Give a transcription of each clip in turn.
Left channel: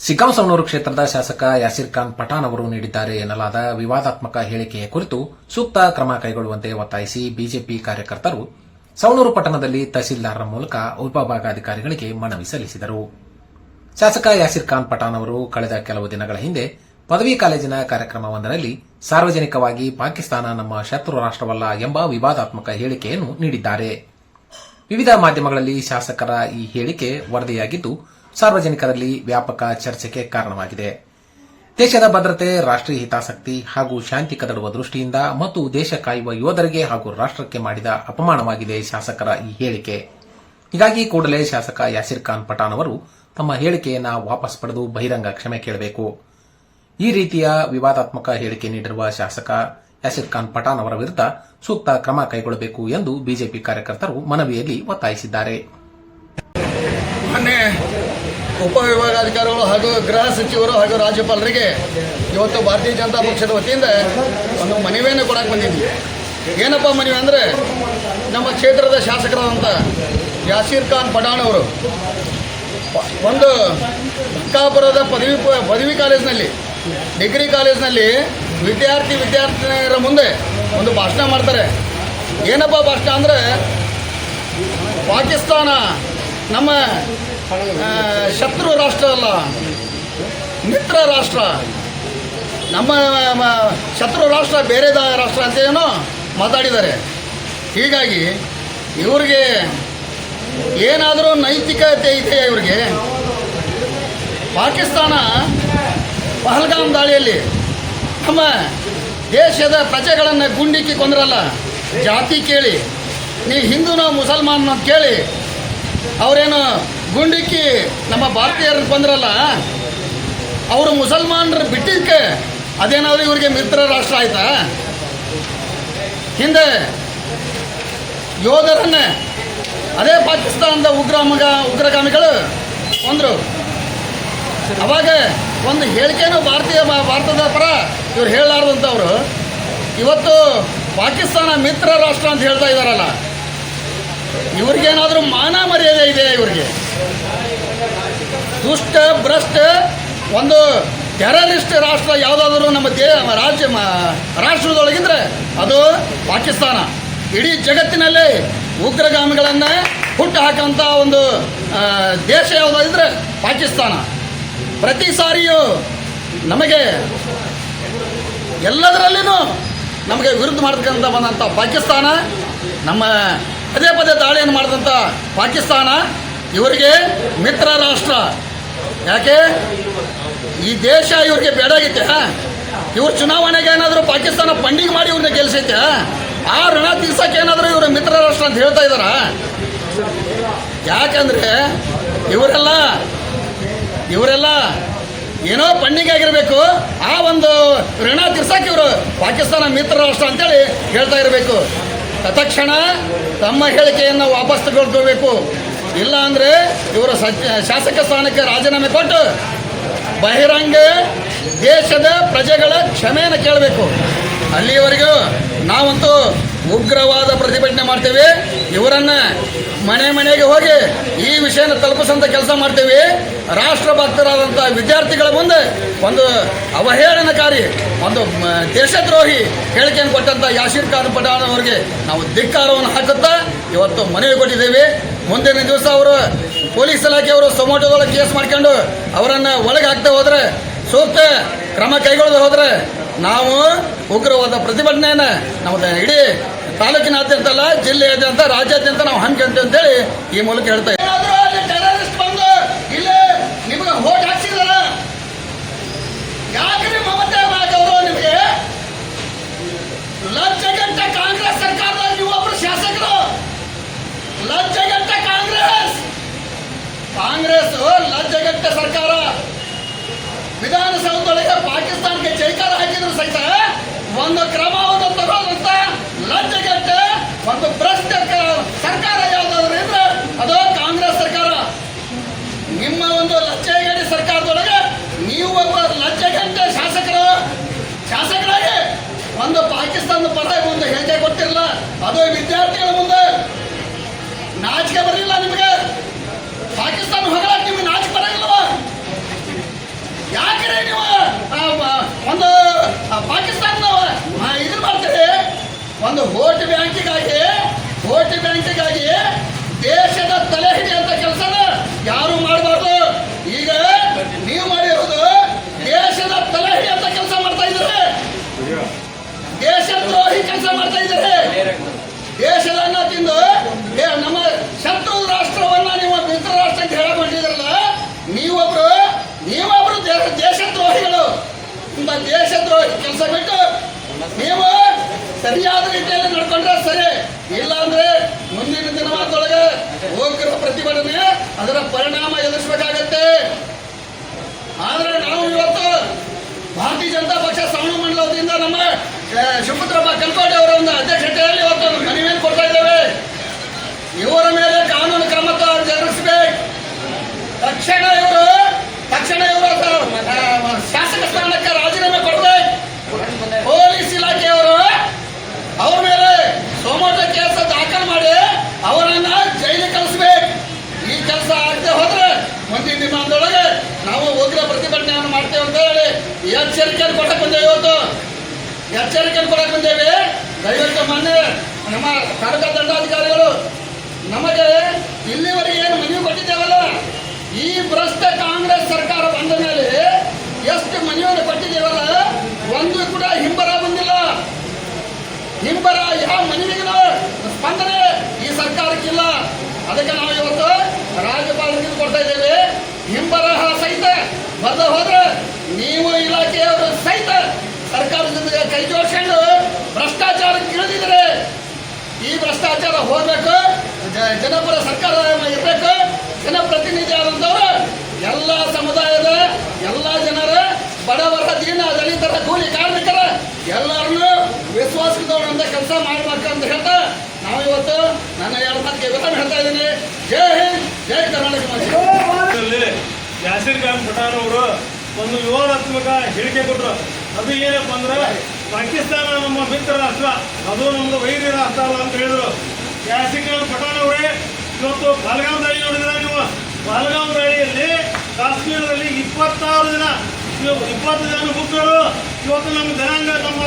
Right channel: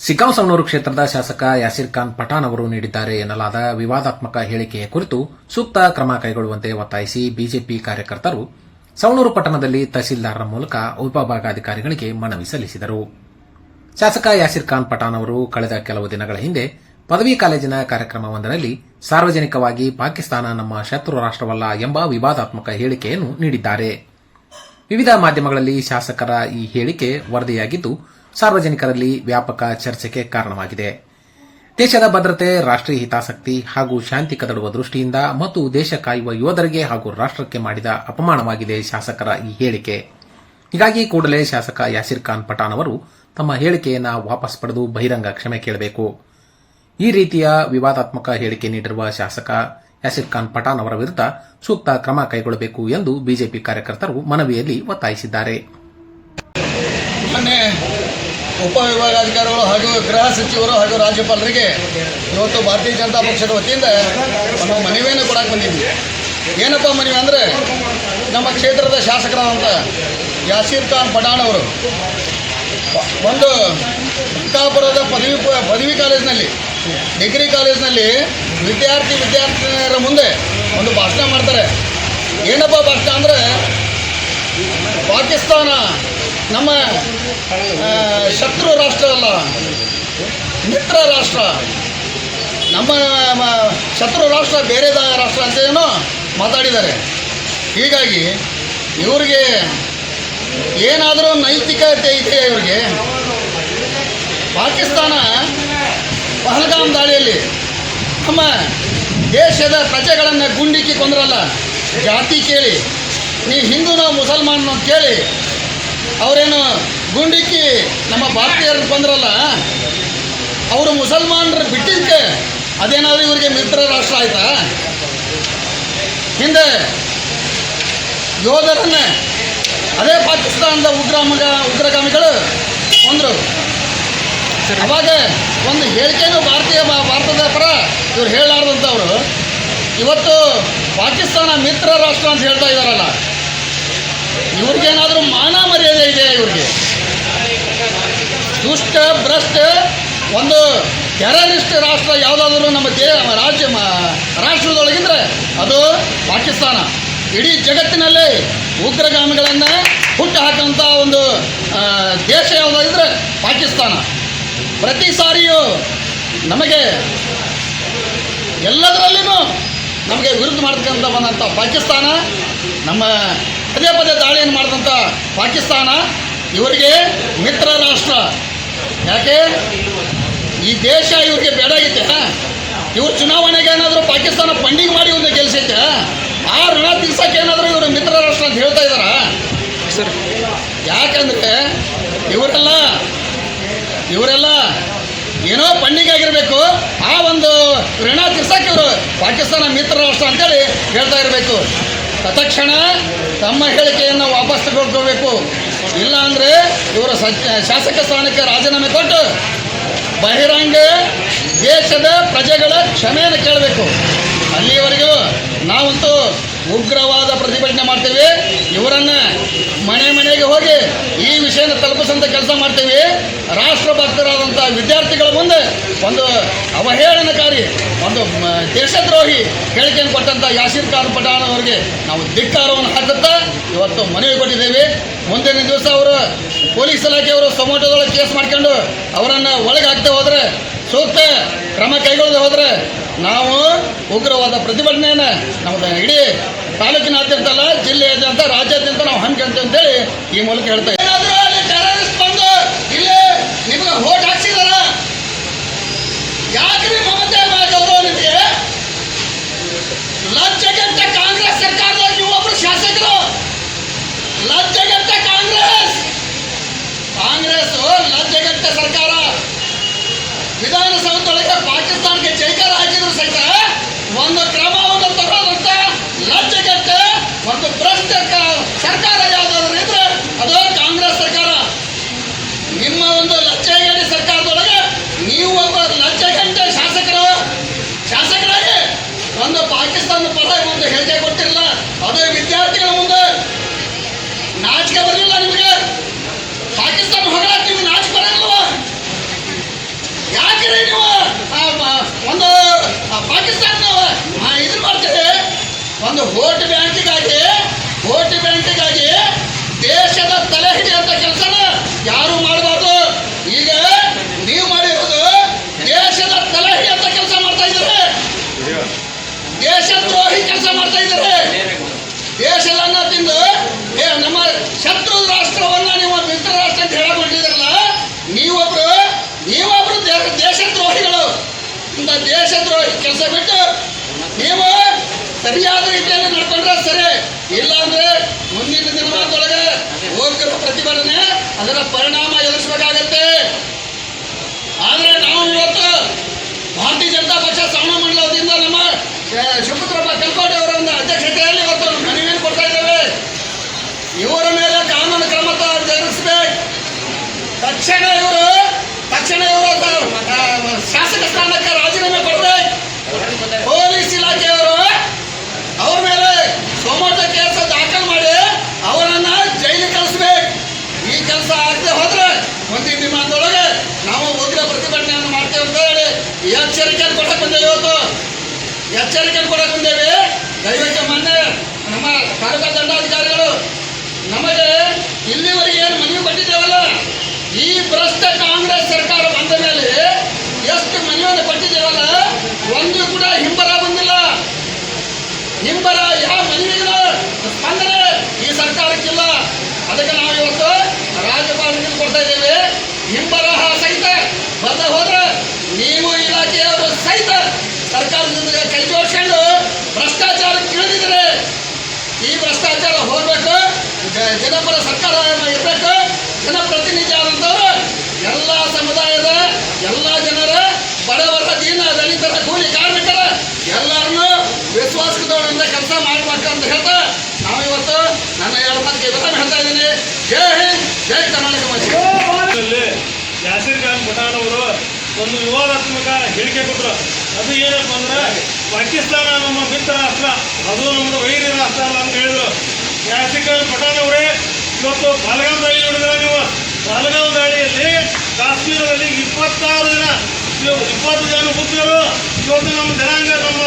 ಸಿಗ್ಗಾಂವ್-ಸವಣೂರು ಕ್ಷೇತ್ರದ ಶಾಸಕ ಯಾಸೀರ್ ಖಾನ್ ಪಠಾಣ್ ಅವರು ನೀಡಿದ್ದಾರೆ ಎನ್ನಲಾದ ವಿವಾದಾತ್ಮಕ ಹೇಳಿಕೆಯ ಕುರಿತು ಸೂಕ್ತ ಕ್ರಮ ಕೈಗೊಳ್ಳುವಂತೆ ಒತ್ತಾಯಿಸಿ ಬಿಜೆಪಿ ಕಾರ್ಯಕರ್ತರು ಸವಣೂರು ಪಟ್ಟಣದಲ್ಲಿ ತಹಸೀಲ್ದಾರರ ಮೂಲಕ ಉಪವಿಭಾಗಾಧಿಕಾರಿಗಳಿಗೆ ಮನವಿ ಸಲ್ಲಿಸಿದರು. ಶಾಸಕ ಯಾಸೀರ್ ಖಾನ್ ಪಠಾಣ್ ಅವರು ಕಳೆದ ಕೆಲವು ದಿನಗಳ ಹಿಂದೆ ಪದವಿ ಕಾಲೇಜಿನ ಕಾರ್ಯಕ್ರಮವೊಂದರಲ್ಲಿ ಸಾರ್ವಜನಿಕವಾಗಿ ಪಾಕಿಸ್ತಾನ ನಮ್ಮ ಶತ್ರು ರಾಷ್ಟವಲ್ಲ ಎಂಬ ವಿವಾದಾತ್ಮಕ ಹೇಳಿಕೆಯನ್ನು ನೀಡಿದ್ದಾರೆ. ವಿವಿಧ ಮಾಧ್ಯಮಗಳಲ್ಲಿ ಶಾಸಕರ ಈ ಹೇಳಿಕೆ ವರದಿಯಾಗಿದ್ದು ಸಾರ್ವಜನಿಕರಲ್ಲಿ ವ್ಯಾಪಕ ಚರ್ಚೆಗೆ ಕಾರಣವಾಗಿದೆ. ದೇಶದ ಭದ್ರತೆ, ರಾಷ್ಟೀಯ ಹಿತಾಸಕ್ತಿ ಹಾಗೂ ಶಾಂತಿ ಕದಡುವ ದೃಷ್ಟಿಯಿಂದ ಮತ್ತು ದೇಶ ಕಾಯುವ ಯೋಧರಿಗೆ ಹಾಗೂ ರಾಷ್ಟಕ್ಕೆ ಮಾಡಿದ ಅಪಮಾನವಾಗಿದೆ ಶಾಸಕರ ಈ ಹೇಳಿಕೆ. ಹೀಗಾಗಿ ಕೂಡಲೇ ಶಾಸಕ ಯಾಸೀರ್ ಖಾನ್ ಪಠಾಣ್ ಅವರು ತಮ್ಮ ಹೇಳಿಕೆಯನ್ನು ವಾಪಸ್ ಪಡೆದು ಬಹಿರಂಗ ಕ್ಷಮೆ ಕೇಳಬೇಕು. ಈ ರೀತಿಯ ವಿವಾದಾತ್ಮಕ ಹೇಳಿಕೆ ನೀಡಿರುವ ಶಾಸಕ ಯಾಸೀರ್ ಖಾನ್ ಪಠಾಣ್ ಅವರ ವಿರುದ್ಧ ಸೂಕ್ತ ಕ್ರಮ ಕೈಗೊಳ್ಳಬೇಕು ಎಂದು ಬಿಜೆಪಿ ಕಾರ್ಯಕರ್ತರು ಮನವಿಯಲ್ಲಿ ಒತ್ತಾಯಿಸಿದ್ದಾರೆ. ಉಪವಿಭಾಗಾಧಿಕಾರಿಗಳು ಹಾಗೂ ಗೃಹ ಸಚಿವರು ಹಾಗೂ ರಾಜ್ಯಪಾಲರಿಗೆ ಇವತ್ತು ಭಾರತೀಯ ಜನತಾ ಪಕ್ಷದ ವತಿಯಿಂದ ಒಂದು ಮನವಿಯನ್ನು ಕೊಡಕ್ಕೆ ಬಂದಿದ್ವಿ. ಏನಪ್ಪ ಮನವಿ ಅಂದರೆ, ನಮ್ಮ ಕ್ಷೇತ್ರದ ಶಾಸಕರಾದಂಥ ಯಾಸೀರ್ ಖಾನ್ ಪಠಾಣ್ ಅವರು ಒಂದು ಬಂಕಾಪುರದ ಪದವಿ ಕಾಲೇಜಿನಲ್ಲಿ, ಡಿಗ್ರಿ ಕಾಲೇಜಿನಲ್ಲಿ ವಿದ್ಯಾರ್ಥಿನಿಯರ ಮುಂದೆ ಒಂದು ಭಾಷಣ ಮಾಡ್ತಾರೆ. ಏನಪ್ಪ ಭಾಷಣ ಅಂದರೆ, ಪಾಕಿಸ್ತಾನ ನಮ್ಮ ಶತ್ರು ರಾಷ್ಟ್ರ ಅಲ್ಲ, ಮಿತ್ರ ರಾಷ್ಟ್ರ, ನಮ್ಮ ಶತ್ರು ರಾಷ್ಟ್ರ ಬೇರೆ ರಾಷ್ಟ್ರ ಅಂತ ಏನೋ ಮಾತಾಡಿದ್ದಾರೆ. ಹೀಗಾಗಿ ಇವ್ರಿಗೆ ಏನಾದರೂ ನೈತಿಕತೆ ಇದೆಯಾ? ಇವ್ರಿಗೆ ಪಾಕಿಸ್ತಾನ ಪಹಲ್ಗಾಮ್ ದಾಳಿಯಲ್ಲಿ ನಮ್ಮ ದೇಶದ ಪ್ರಜೆಗಳನ್ನು ಗುಂಡಿಕ್ಕಿ ಕೊಂದ್ರಲ್ಲ, ಜಾತಿ ಕೇಳಿ, ನೀ ಹಿಂದೂನೋ ಮುಸಲ್ಮಾನನೋ ಕೇಳಿ ಅವರೇನು ಗುಂಡಿಕ್ಕಿ ನಮ್ಮ ಭಾರತೀಯರು ಬಂದ್ರಲ್ಲ, ಅವರು ಮುಸಲ್ಮಾನರು ಬಿಟ್ಟಿದ್ದಕ್ಕೆ ಅದೇನಾದರೂ ಇವರಿಗೆ ಮಿತ್ರ ರಾಷ್ಟ್ರ ಆಯ್ತಾ? ಹಿಂದೆ ಯೋಧರನ್ನೇ ಅದೇ ಪಾಕಿಸ್ತಾನದ ಉಗ್ರಗಾಮಿಗಳು ಕೊಂದರು. ಅವಾಗ ಒಂದು ಹೇಳಿಕೆನೂ ಭಾರತದ ಪರ ಇವ್ರು ಹೇಳಲಾರ್ದಂಥವ್ರು ಇವತ್ತು ಪಾಕಿಸ್ತಾನ ಮಿತ್ರ ರಾಷ್ಟ್ರ ಅಂತ ಹೇಳ್ತಾ ಇದ್ದಾರಲ್ಲ, ಇವ್ರಿಗೇನಾದರೂ ಮಾನ ಮರ್ಯಾದೆ ಇದೆ? ಇವ್ರಿಗೆ ದುಷ್ಟ ಭ್ರಷ್ಟ ಒಂದು ಟೆರರಿಸ್ಟ್ ರಾಷ್ಟ್ರ ಯಾವುದಾದ್ರೂ ನಮ್ಮ ರಾಷ್ಟ್ರದೊಳಗಿದ್ರೆ ಅದು ಪಾಕಿಸ್ತಾನ. ಇಡೀ ಜಗತ್ತಿನಲ್ಲೇ ಉಗ್ರಗಾಮಿಗಳನ್ನು ಹುಟ್ಟು ಹಾಕುವಂಥ ಒಂದು ದೇಶ ಯಾವುದಾದ್ರೆ ಪಾಕಿಸ್ತಾನ. ಪ್ರತಿ ಸಾರಿಯೂ ನಮಗೆ ಎಲ್ಲದರಲ್ಲಿನೂ ನಮಗೆ ವಿರುದ್ಧ ಮಾಡ್ತಕ್ಕಂಥ ಬಂದಂಥ ಪಾಕಿಸ್ತಾನ, ನಮ್ಮ ಪದೇ ಪದೇ ದಾಳಿಯನ್ನು ಮಾಡಿದಂಥ ಪಾಕಿಸ್ತಾನ ಇವರಿಗೆ ಮಿತ್ರ ರಾಷ್ಟ್ರ. ಯಾಕೆ ಈ ದೇಶ ಇವ್ರಿಗೆ ಬೇಡಾಗಿತ್ತೆ? ಇವ್ರು ಚುನಾವಣೆಗೆ ಏನಾದರೂ ಪಾಕಿಸ್ತಾನ ಫಂಡಿಂಗ್ ಮಾಡಿ ಇವ್ರನ್ನ ಗೆಲ್ಲಿಸೈತೆ? ಆ ಋಣ ತೀರ್ಸಕ್ಕೆ ಏನಾದರೂ ಇವರು ಮಿತ್ರ ರಾಷ್ಟ್ರ ಅಂತ ಹೇಳ್ತಾ ಇದ್ದಾರ? ಯಾಕಂದರೆ ಇವರೆಲ್ಲ ಏನೋ ಫಂಡಿಂಗ್ ಆಗಿರಬೇಕು, ಆ ಒಂದು ಋಣ ತೀರ್ಸಕ್ಕೆ ಇವರು ಪಾಕಿಸ್ತಾನ ಮಿತ್ರ ರಾಷ್ಟ್ರ ಅಂತೇಳಿ ಹೇಳ್ತಾ ಇರಬೇಕು. ತತ್ಕ್ಷಣ ತಮ್ಮ ಹೇಳಿಕೆಯನ್ನು ವಾಪಸ್ ತಗೊಳ್ಕೋಬೇಕು. ಇಲ್ಲ ಅಂದರೆ ಇವರು ಶಾಸಕ ಸ್ಥಾನಕ್ಕೆ ರಾಜೀನಾಮೆ ಕೊಟ್ಟು ಬಹಿರಂಗ ದೇಶದ ಪ್ರಜೆಗಳ ಕ್ಷಮೆಯನ್ನು ಕೇಳಬೇಕು. ಅಲ್ಲಿಯವರೆಗೂ ನಾವಂತೂ ಉಗ್ರವಾದ ಪ್ರತಿಭಟನೆ ಮಾಡ್ತೇವೆ. ಇವರನ್ನು ಮನೆಗೆ ಹೋಗಿ ಈ ವಿಷಯನ ತಲುಪಿಸಂಥ ಕೆಲಸ ಮಾಡ್ತೇವೆ. ರಾಷ್ಟ್ರಭಕ್ತರಾದಂಥ ವಿದ್ಯಾರ್ಥಿಗಳ ಮುಂದೆ ಒಂದು ಅವಹೇಳನಕಾರಿ, ಒಂದು ದೇಶದ್ರೋಹಿ ಹೇಳಿಕೆಯನ್ನು ಕೊಟ್ಟಂಥ ಯಾಸೀರ್ ಖಾನ್ ಪಠಾಣ್ ಅವರಿಗೆ ನಾವು ಧಿಕ್ಕಾರವನ್ನು ಹಾಕುತ್ತಾ ಇವತ್ತು ಮನವಿ ಕೊಟ್ಟಿದ್ದೇವೆ. ಮುಂದಿನ ದಿವಸ ಅವರು ಪೊಲೀಸ್ ಇಲಾಖೆಯವರು ಸೊಮೋಟೋದೊಳಗೆ ಕೇಸ್ ಮಾಡ್ಕೊಂಡು ಅವರನ್ನು ಒಳಗೆ ಹಾಕ್ತಾ ಹೋದರೆ, ಸೂಕ್ತ ಕ್ರಮ ಕೈಗೊಳ್ಳದೆ ಹೋದರೆ ನಾವು ಉಗ್ರವಾದ ಪ್ರತಿಭಟನೆಯನ್ನು ನಮ್ಮದು ಇಡೀ ತಾಲೂಕಿನಾದ್ಯಂತ ಅಲ್ಲ, ಜಿಲ್ಲೆಯಾದ್ಯಂತ, ರಾಜ್ಯಾದ್ಯಂತ ನಾವು ಹಮ್ಮಿಕೊಂತೀವಿ ಅಂತೇಳಿ ಈ ಮೂಲಕ ಹೇಳ್ತಾ ಇದ್ದೀವಿ. ಟೆರರಿಸ್ಟ್ ಬಂದು ಇಲ್ಲಿ ನಿಮಗೆ ವೋಟ್ ಹಾಕ್ಸಿದಾರ, ಯಾಕ್ರಿ ಮಮತಾ ಅವರು ನಿಮಗೆ ಲಜ್ಜೆಗೆಟ್ಟ ಕಾಂಗ್ರೆಸ್ ಸರ್ಕಾರದಲ್ಲಿ ನೀವು ಒಬ್ಬರು ಶಾಸಕರು, ಲಜ್ಜೆಗೆಟ್ಟ ಕಾಂಗ್ರೆಸ್ ಲಜ್ಜೆಗೆಟ್ಟ ಸರ್ಕಾರ. ವಿಧಾನಸೌಧದೊಳಗೆ ಪಾಕಿಸ್ತಾನಕ್ಕೆ ಜೈಕಾರ ಹಾಕಿದ್ರು ಸಹಿತ ಒಂದು ಕ್ರಮವನ್ನು ತಗೊಳ್ಳೋದಂತ ಲಜ್ಜೆಗೆಟ್ಟ ಒಂದು ಭ್ರಷ್ಟ ಸರ್ಕಾರ ಯಾವುದಾದ್ರು ಇದ್ರೆ ಅದು ಕಾಂಗ್ರೆಸ್ ಸರ್ಕಾರ. ನಿಮ್ಮ ಒಂದು ಲಜ್ಜೆಗೇಡಿ ಸರ್ಕಾರದೊಳಗೆ ನೀವು ಒಬ್ಬ ಲಜ್ಜೆಗೆಟ್ಟ ಶಾಸಕರಾಗಿ ಒಂದು ಪಾಕಿಸ್ತಾನದ ಪರ ಒಂದು ಹೇಳಿಕೆ ಕೊಟ್ಟಿರಲಿಲ್ಲ. ಅದು ವಿದ್ಯಾರ್ಥಿಗಳ ಮುಂದೆ ನಾಚಿಕೆ ಬರಲಿಲ್ಲ ನಿಮಗೆ? ಪಾಕಿಸ್ತಾನ ಹೊಗಳಕ್ಕೆ ನಿಮಗೆ ನಾಚಿಕೆ ಬರಲಿಲ್ಲವ? ಏನ್ರಿ ನೀವು ಒಂದು ಪಾಕಿಸ್ತಾನ ಇದು ಮಾಡ್ತೀರಿ, ಒಂದು ವೋಟ್ ಬ್ಯಾಂಕಿಗಾಗಿ ದೇಶದ ತಲೆ ಹಿಡಿಯುವಂತ ಕೆಲಸನ ಯಾರು ಮಾಡಬಾರ್ದು. ಈಗ ನೀವು ಮಾಡಿರೋದು ದೇಶದ ತಲೆ ಹಿಡಿಯುವಂತ ಕೆಲಸ ಮಾಡ್ತಾ ಇದ್ದಾರೆ, ದೇಶದ್ರೋಹಿ ಕೆಲಸ ಮಾಡ್ತಾ ಇದ್ದಾರೆ. ದೇಶದನ್ನ ತಿಂದು ನಮ್ಮ ಶತ್ರು ರಾಷ್ಟ್ರವನ್ನ ನೀವು ಮಿತ್ರ ರಾಷ್ಟ್ರ ಅಂತ ಹೇಳಕೊಂಡಿದ್ರಲ್ಲ, ನೀವೊಬ್ರು ದೇಶದ್ರೋಹಿಗಳು. ಇಂಥ ದೇಶದ್ರೋಹಿ ಕೆಲಸ ಬಿಟ್ಟು ನೀವು ಸರಿಯಾದ ರೀತಿಯಲ್ಲಿ ನಡ್ಕೊಂಡ್ರೆ ಸರಿ, ಇಲ್ಲ ಅಂದ್ರೆ ಮುಂದಿನ ದಿನಮಾನದೊಳಗೆ ಉಗ್ರ ಪ್ರತಿಭಟನೆ ಅದರ ಪರಿಣಾಮ ಎದುರಿಸಬೇಕಾಗತ್ತೆ. ಆದ್ರೆ ನಾವು ಇವತ್ತು ಭಾರತೀಯ ಜನತಾ ಪಕ್ಷ ಶ್ರವಣ ಮಂಡಲದಿಂದ ನಮ್ಮ ಶಿವಪುತ್ರಪ್ಪ ಕಲ್ಕೋಟೆ ಅವರ ಒಂದು ಅಧ್ಯಕ್ಷತೆಯಲ್ಲಿ ಇವತ್ತು ಮನವಿಯನ್ನು ಕೊಡ್ತಾ ಇದ್ದೇವೆ. ಇವರ ಮೇಲೆ ಕಾನೂನು ಕ್ರಮ ಜರುಗಿಸಬೇಕು. ತಕ್ಷಣ ಇವರು ಶಾಸಕ ಸ್ಥಾನಕ್ಕೆ ರಾಜೀನಾಮೆ ಕೊಡಬೇಕು. ಪೊಲೀಸ್ ಇಲಾಖೆಯವರು ಅವರ ಮೇಲೆ ಸೋಮವಾರ ಕೇಸ್ ದಾಖಲು ಮಾಡಿ ಅವರನ್ನ ಜೈಲಿಗೆ ಕಳಿಸ್ಬೇಕು. ಈ ಕೆಲಸ ಆಗದೆ ಹೋದ್ರೆ ಮುಂದಿನ ದಿನದೊಳಗೆ ನಾವು ಉಗ್ರ ಪ್ರತಿಭಟನೆಯನ್ನು ಮಾಡ್ತೇವೆ ಅಂತ ಹೇಳಿ ಎಚ್ಚರಿಕೆಯನ್ನು ಕೊಡಕ್ಕೆ ಬಂದೇವೆ. ದಯವಿಟ್ಟು ಮೊನ್ನೆ ನಮ್ಮ ತಾಲೂಕಾ ದಂಡಾಧಿಕಾರಿಗಳು ನಮಗೆ ಇಲ್ಲಿವರೆಗೆ ಏನು ಮನವಿ ಕೊಟ್ಟಿದ್ದೇವಲ್ಲ, ಈ ಭ್ರಷ್ಟ ಕಾಂಗ್ರೆಸ್ ಸರ್ಕಾರ ಬಂದ ಮೇಲೆ ಎಷ್ಟು ಮನವಿಯನ್ನು ಕೊಟ್ಟಿದ್ದೇವಲ್ಲ, ಒಂದು ಕೂಡ ಹಿಂಬರ ಬಂದಿಲ್ಲ. ಯಾವ ಮನವಿಗೂ ಸ್ಪಂದನೆ ಈ ಸರ್ಕಾರಕ್ಕಿಲ್ಲ. ಅದಕ್ಕೆ ನಾವು ಇವತ್ತು ರಾಜ್ಯಪಾಲರಿಗೆ ಕೊಡ್ತಾ ಇದ್ದೇವೆ. ಹಿಂಬರಹ ಸಹಿತ ಬರದೆ ಹೋದ್ರೆ ನೀವು ಇಲಾಖೆಯವರು ಸಹಿತ ಸರ್ಕಾರದೊಂದಿಗೆ ಕೈ ಜೋಡಿಸ್ಕೊಂಡು ಭ್ರಷ್ಟಾಚಾರಕ್ಕೆ ಇಳಿದಿದ್ರೆ ಈ ಭ್ರಷ್ಟಾಚಾರ ಹೋಗ್ಬೇಕು. ಜನಪರ ಸರ್ಕಾರ ಇರಬೇಕು. ಜನಪ್ರತಿನಿಧಿ ಆದಂಥವ್ರು ಎಲ್ಲ ಸಮುದಾಯದ ಎಲ್ಲ ಜನರ ಬಡವರ ದೀನ ದಲಿತರ ಕೂಲಿ ಕಾರ್ಮಿಕರ ಎಲ್ಲರನ್ನೂ ವಿಶ್ವಾಸದವರಿಂದ ಕೆಲಸ ಮಾಡ್ಬೇಕಂತ ಹೇಳ್ತಾ ನಾವು ಇವತ್ತು ನನ್ನ 2 ಮಾತಿಗೆ ವಿರಾಮ ಹೇಳ್ತಾ ಇದ್ದೀನಿ. ಜೈ ಹಿಂದ್, ಜೈ ಕರ್ನಾಟಕ. ಯಾಸಿರ್ ಖಾನ್ ಪಠಾಣ್ ಅವರು ಒಂದು ವಿವಾದಾತ್ಮಕ ಹೇಳಿಕೆ ಕೊಟ್ಟರು. ಅದು ಏನಪ್ಪ ಅಂದ್ರೆ ಪಾಕಿಸ್ತಾನ ನಮ್ಮ ಮಿತ್ರ ರಾಷ್ಟ್ರ, ಅದು ನಮ್ಮದು ವೈರಿ ರಾಷ್ಟ್ರ ಅಲ್ಲ ಅಂತ ಹೇಳಿದ್ರು. ಯಾಸಿರ್ ಖಾನ್ ಪಠಾಣ್ ಅವರೇ, ಇವತ್ತು ಪಹಲ್ಗಾಮ್ ದಾಳಿ ನೋಡಿದ್ರೆ ನೀವು, ಪಹಲ್ಗಾಮ್ ದಾಳಿಯಲ್ಲಿ ಕಾಶ್ಮೀರದಲ್ಲಿ 20 ಜನ ಮುಗ್ಧರು ಇವತ್ತು ನಮ್ಮ ಜನಾಂಗ ನಮ್ಮ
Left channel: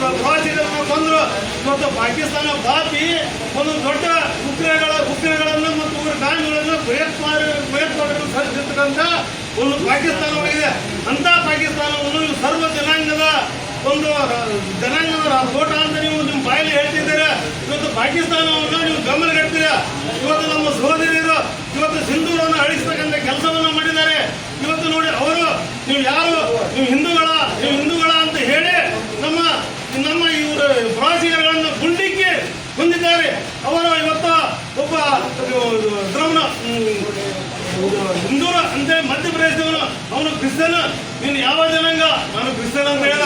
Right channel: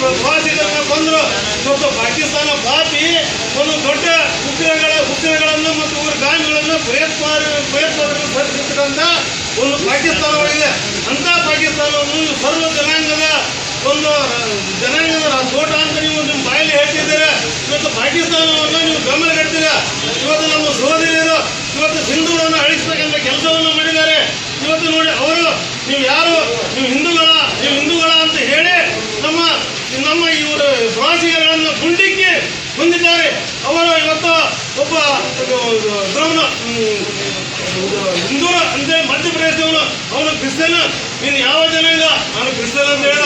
ಪ್ರವಾಸಿಗರನ್ನು ಕೊಂದರು. ಇವತ್ತು ಪಾಕಿಸ್ತಾನ ಪಾಪಿ ಒಂದು ದೊಡ್ಡ ಉಗ್ರಗಳನ್ನು ಮತ್ತು ಉಗ್ರಗಾಮಿಗಳನ್ನು ಭಯೋತ್ಪಾದಕರು ಸೃಷ್ಟಿಸಿರ್ತಕ್ಕಂಥ ಒಂದು ಪಾಕಿಸ್ತಾನವಾಗಿದೆ. ಅಂಥ ಪಾಕಿಸ್ತಾನವನ್ನು ಸರ್ವ ಜನಾಂಗದ ತೋಟ ಅಂತ ನೀವು ನಿಮ್ಮ ಬಾಯಲ್ಲಿ ಹೇಳ್ತಿದ್ದೀರಾ. ಇವತ್ತು ಪಾಕಿಸ್ತಾನವನ್ನು ನೀವು ಗಮನಗಟ್ಟಿದ್ದೀರ. ಇವತ್ತು ನಮ್ಮ ಸಹೋದರಿಯರು ಇವತ್ತು ಸಿಂಧೂರನ್ನು ಅಳಿಸ್ತಕ್ಕಂಥ ಕೆಲಸವನ್ನು ಮಾಡಿದ್ದಾರೆ. ಇವತ್ತು ನೋಡಿ ಅವರು ನೀವು ಹಿಂದೂಗಳ ಅಂತ ಹೇಳಿ ನಮ್ಮ ಇವರು ಪ್ರವಾಸಿಗರನ್ನು ಗುಂಡಿಕ್ಕಿ ಹೊಂದಿದ್ದಾರೆ. ಅವರು ಇವತ್ತು ಒಬ್ಬ ಹಿಂದೂರ ಅಂತೇಳಿ ಮಧ್ಯಪ್ರದೇಶದವನು, ಅವನು ಕ್ರಿಸ್ತನ್. ನೀನು ಯಾವ ಜನಾಂಗ? ನಾನು ಕ್ರಿಸ್ತನ್ ಅಂತ ಹೇಳ.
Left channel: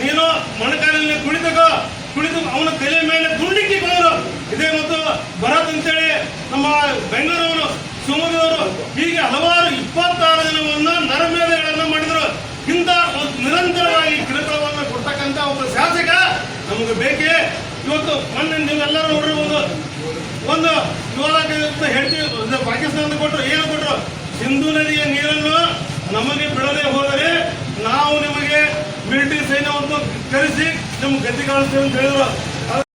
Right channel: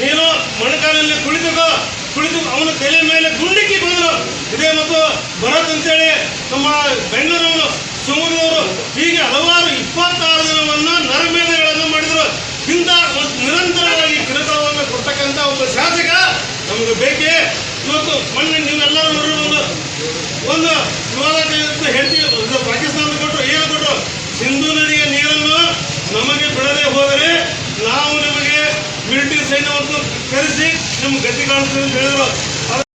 ನೀನು ಮೊಣಕಾಲಿನಲ್ಲಿ ಕುಳಿತು ಅವನ ತಲೆ ಮೇಲೆ ಗುಂಡಿಕ್ಕಿ ಬಂದರು. ಇದೇ ಮತ್ತು ಭರತ್ ಅಂತೇಳಿ ನಮ್ಮ ಬೆಂಗಳೂರವನು, ಶಿವಮೊಗ್ಗದವರು, ಹೀಗೆ ಹಲವಾರು 26 ಜನವನ್ನು ನರಮೇಧಗಳನ್ನು ಮಾಡಿದರು. ಇಂಥ ನಿರಂತರವಾಗಿ ಕಿರುಕುಳವನ್ನು ಕೊಡ್ತಕ್ಕಂಥ ಒಬ್ಬ ಶಾಸಕ ನಮಗೆ ಬೇಕೇ. ಇವತ್ತು ಮೊನ್ನೆ ನೀವೆಲ್ಲರೂ ನೋಡಿರ್ಬೋದು, ಒಂದು ವಿವಾದ ಹೇಳ್ತೀವಿ. ಪಾಕಿಸ್ತಾನ ಕೊಟ್ಟರು, ಏನು ಕೊಟ್ಟರು? ಸಿಂಧು ನದಿಯ ನೀರನ್ನು ನಮಗೆ ಬಿಡದೆ ಹೋದರೆ ನಾವು ನಿಮಗೆ ಮಿಲಿಟರಿ ಸೈನ್ಯವನ್ನು ಕರೆಸಿ ನಿಮ್ಗೆ ಗತಿ ಕಾಣಿಸ್ತೇವೆ ಅಂತ ಹೇಳಿದ್ರು.